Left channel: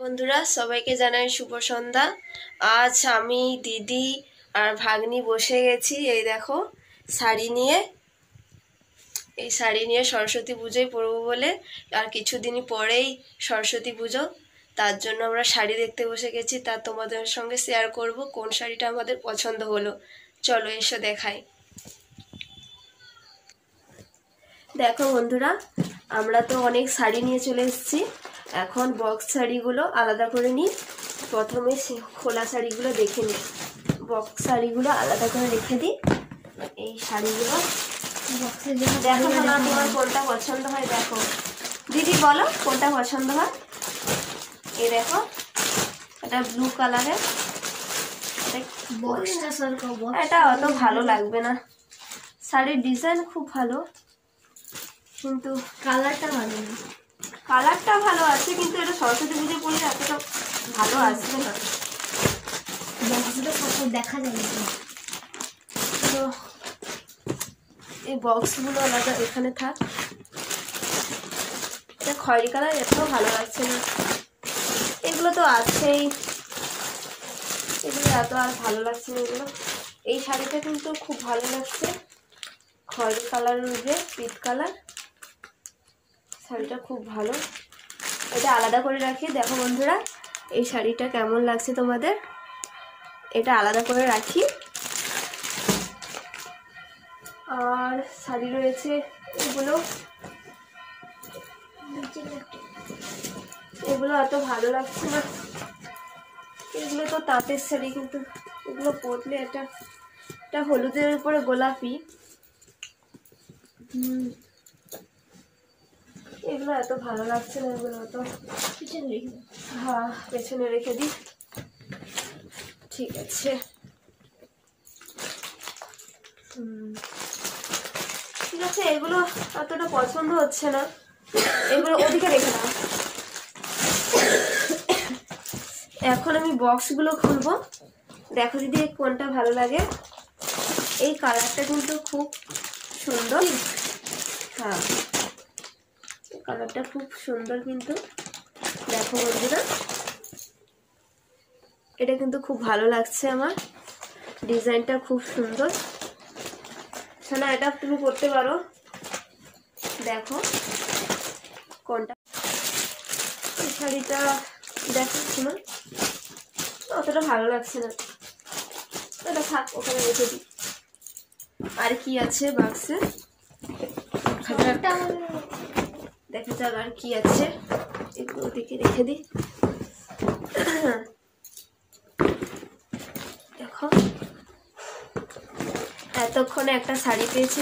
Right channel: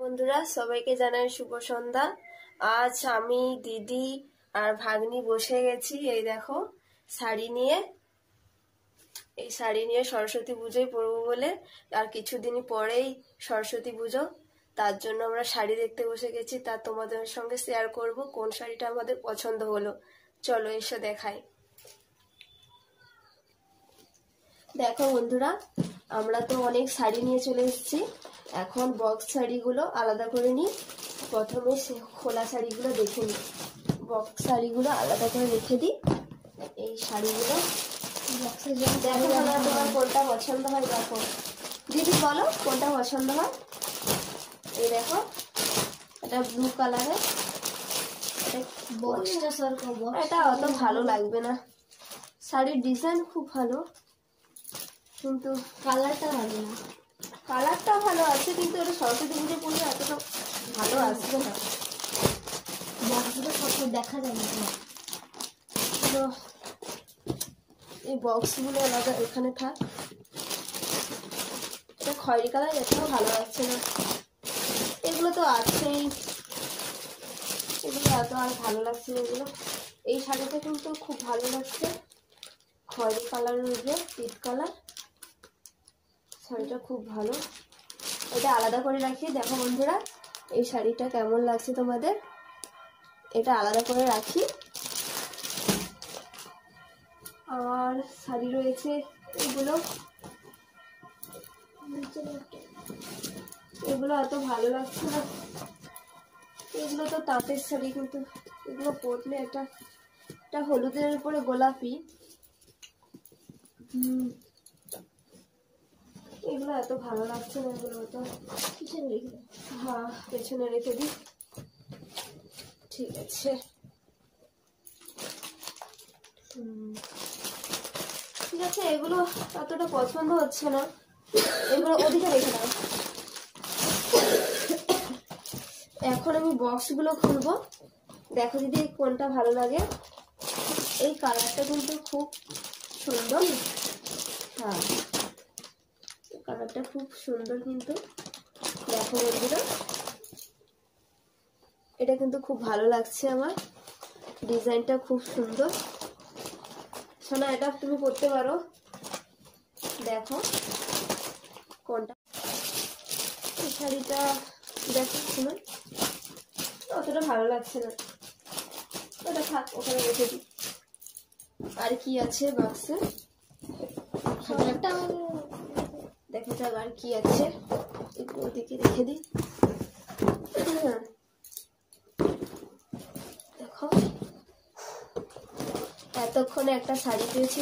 বন্ধুরা সবাইকে জানাই শুভ সন্ধ্যা। আজ আমি দিদি আর ভাগ্নি বসে গেছি এই দেখো শাড়ি নিয়ে। এই শাড়ি নিয়ে সরস্বতী পুজোয় পরবো বলে, আর কিছুদিন পরেই সরস্বতী পুজো, তার জন্য আমরা শাড়ি দেখতে বসে গেছি। তা তোমাদের সঙ্গে শেয়ার করব কোন শাড়িটা আমাদের পছন্দ হলো। চলো এসে দেখাই। দেখো বন্ধুরা, আমরা তো অনেক শাড়ি নিয়ে চলে এসেছি। এখন বক্স শাড়িগুলো আলাদা করে নিই। প্রথমে খোলা শাড়িগুলো দেখে নিই। বক্স শাড়িগুলো আলাদা করে রেখে দিই। এই শাড়িগুলো দেখো না, তোমার কোনটা পছন্দ হয় দেখো। দিদি বলো কোনটা পছন্দ হয়। এই দেখো, এটা ব্লু কালারের। এটা অত ভালো লাগবে না, শাড়ির ডিজাইন খুব ভালো কিন্তু কালারটা ভালো না। কালারটা ভালো আছে কিন্তু এটা সরস্বতী পুজো পরে এতটা ভালো আসবে না। বক্সটা দেখা যায় না, এই বক্সগুলো আলাদা এখানে থাক। খয়েরি কালার এটাও ভালো লাগছে না। এগুলো তো আছেই, এগুলো এত আর ভালো লাগছে না এগুলো। এই শাড়িটা কিন্তু খুব ভালো লাগছে, খয়েরি কালারের উপরে পিট কালার। শাড়িটা খুব ভালো, এটা আলাদা করে রাখি। দেখো বন্ধুরা এই শাড়িটা কেমন লাগছে তোমাদের, এটা আলাদা করে রাখি। আর শাড়ি রয়েছে এগুলো, এগুলো এত ভালো লাগছে না। এগুলো তো তাঁতের শাড়ি, কিন্তু এগুলো পরলে এটা হলুদের উপরে গোলাপি। এগুলো এত ভালো লাগছে না, এগুলো এত হ্যাঁ পেছনে রেখে দিই। ঠিক আছে, ঠিক আছে, এগুলো এতটা পছন্দ হচ্ছে না, এগুলো ওদিকে রেখে দাও। এখন আমি বক্সগুলো খুলবো। দেখো দিদি কোনটা ভালো লাগে। এই কালারটা কিন্তু খুব সুন্দর। হ্যাঁ, কালারটা খুব সুন্দর কিন্তু। দেখো বন্ধুরা, এটা কিন্তু খুব ভালো লাগছে আমার, ডিজাইনটা খুব সুন্দর। শোনা, এটা তুমি পরতে পারো। দেখো কোনটা শাড়িটা, দেখো শোনা অতটা ভালো লাগছে না, এটা থাক, ওখানে রেখে দিই। আর কি আছে বাক্সে দেখা যাক আর কি আছে, এগুলো দিকে রেখে দিই। দেখো এতক্ষণে একটা শাড়ি পেয়েছি,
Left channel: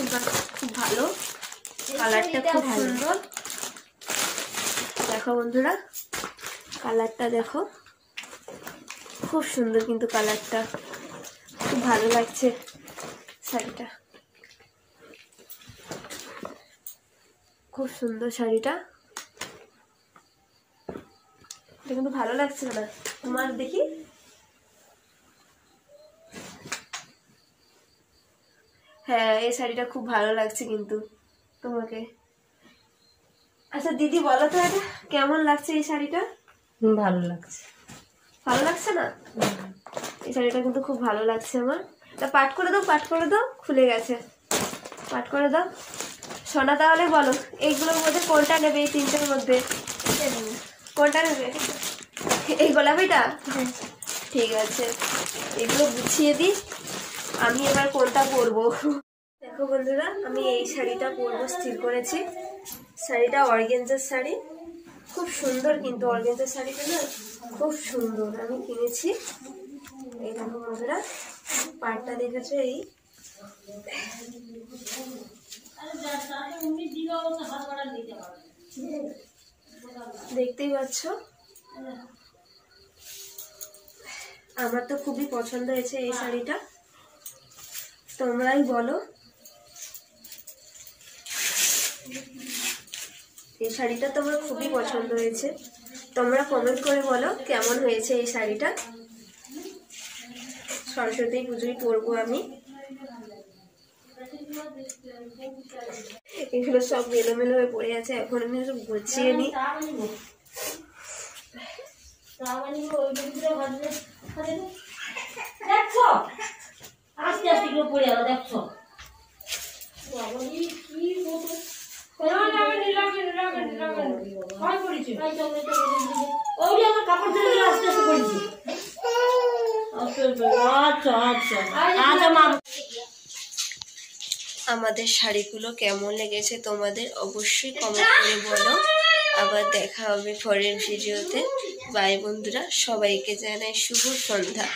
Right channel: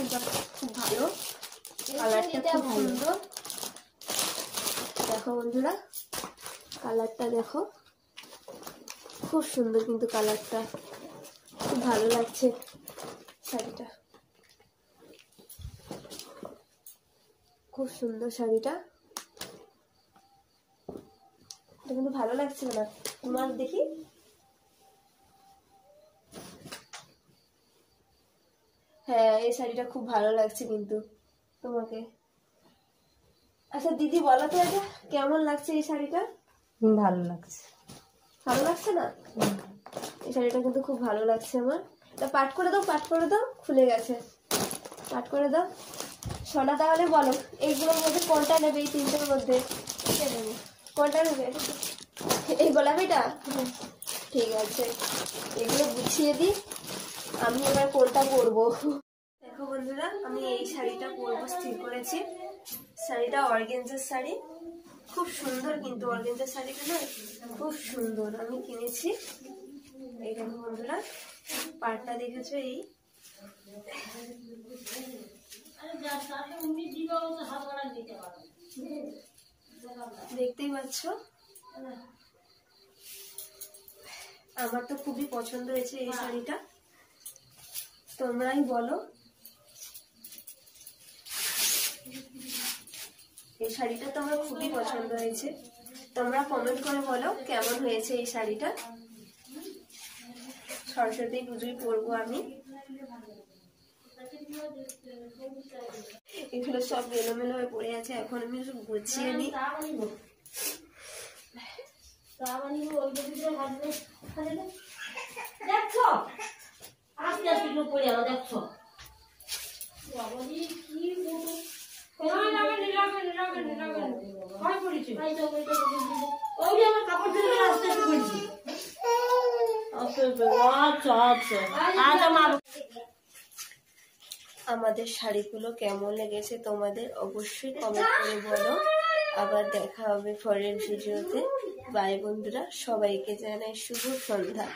খুব ভালো, কালারটা খুব সুন্দর। দেখো বন্ধুরা কালারটা দেখো, খুব সুন্দর কিন্তু কালারটা খুব ভালো লাগছে শাড়িটা, খুব সুন্দর শাড়িটা। এটা কিন্তু ভালো লাগছে না তোমার, দেখি। হ্যাঁ, এই শাড়িটা খুব ভালো লাগছে কিন্তু তোমাকে। আচ্ছা দিদি বলো তো এটা কেমন লাগছে এই শাড়িটা। ভালো লাগছে। ভালো লাগছে না? এই শাড়িটা কিন্তু খুব ভালো লাগছে আমার। পাট করে দাও, পাট করে দাও, খুলে গেছে, পাট করে দাও। সোনা তাহলে বলো এইগুলোর মধ্যে কোনটা নেবে, এই তিনটের মধ্যে কোনটা নেবে? এই গোলাপিটা? ঠিক আছে, এগুলো গুছিয়ে দিই, আমি এবার কোনটা পরবো। দেখো বন্ধুরা, আমি এই শাড়িটা পরবো স্থির করেছি। শাড়িটা অর্গানজার শাড়ি, খুব সুন্দর কিন্তু অর্গানজার শাড়িটা না খুব সুন্দর, আমি কিনেছি। এই দেখো বন্ধুরা, পাটটা দেখেছো, এই দেখতেই পাচ্ছ। আমার তো খুবই পছন্দ হয়েছে এই শাড়িটা, তোমরাই বলো। এই শাড়িটা তো আমার খুবই পছন্দ হয়েছে, তোমরা কমেন্ট করে বলো কেমন হয়েছে এই শাড়িটা। সরস্বতী পুজোয় পরবো আমি। এগুলো সব এলোমেলো হয়ে পড়ে আছে, এখন আমি সব গুছিয়ে নিই। দেখছো আস্তে আস্তে গুলো পড়ে গেল দেখছো কাপড় ধরে আস্তে আস্তে পড়েছি। আচ্ছা আচ্ছা আমাদের শাড়িগুলো কেমন লেগেছে তোমাদের অবশ্যই কমেন্ট করে বলো। আবার দেখা হবে পরের ভিডিওতে। বাই বন্ধুরা, সবাইকে জানাই শুভ সন্ধ্যা।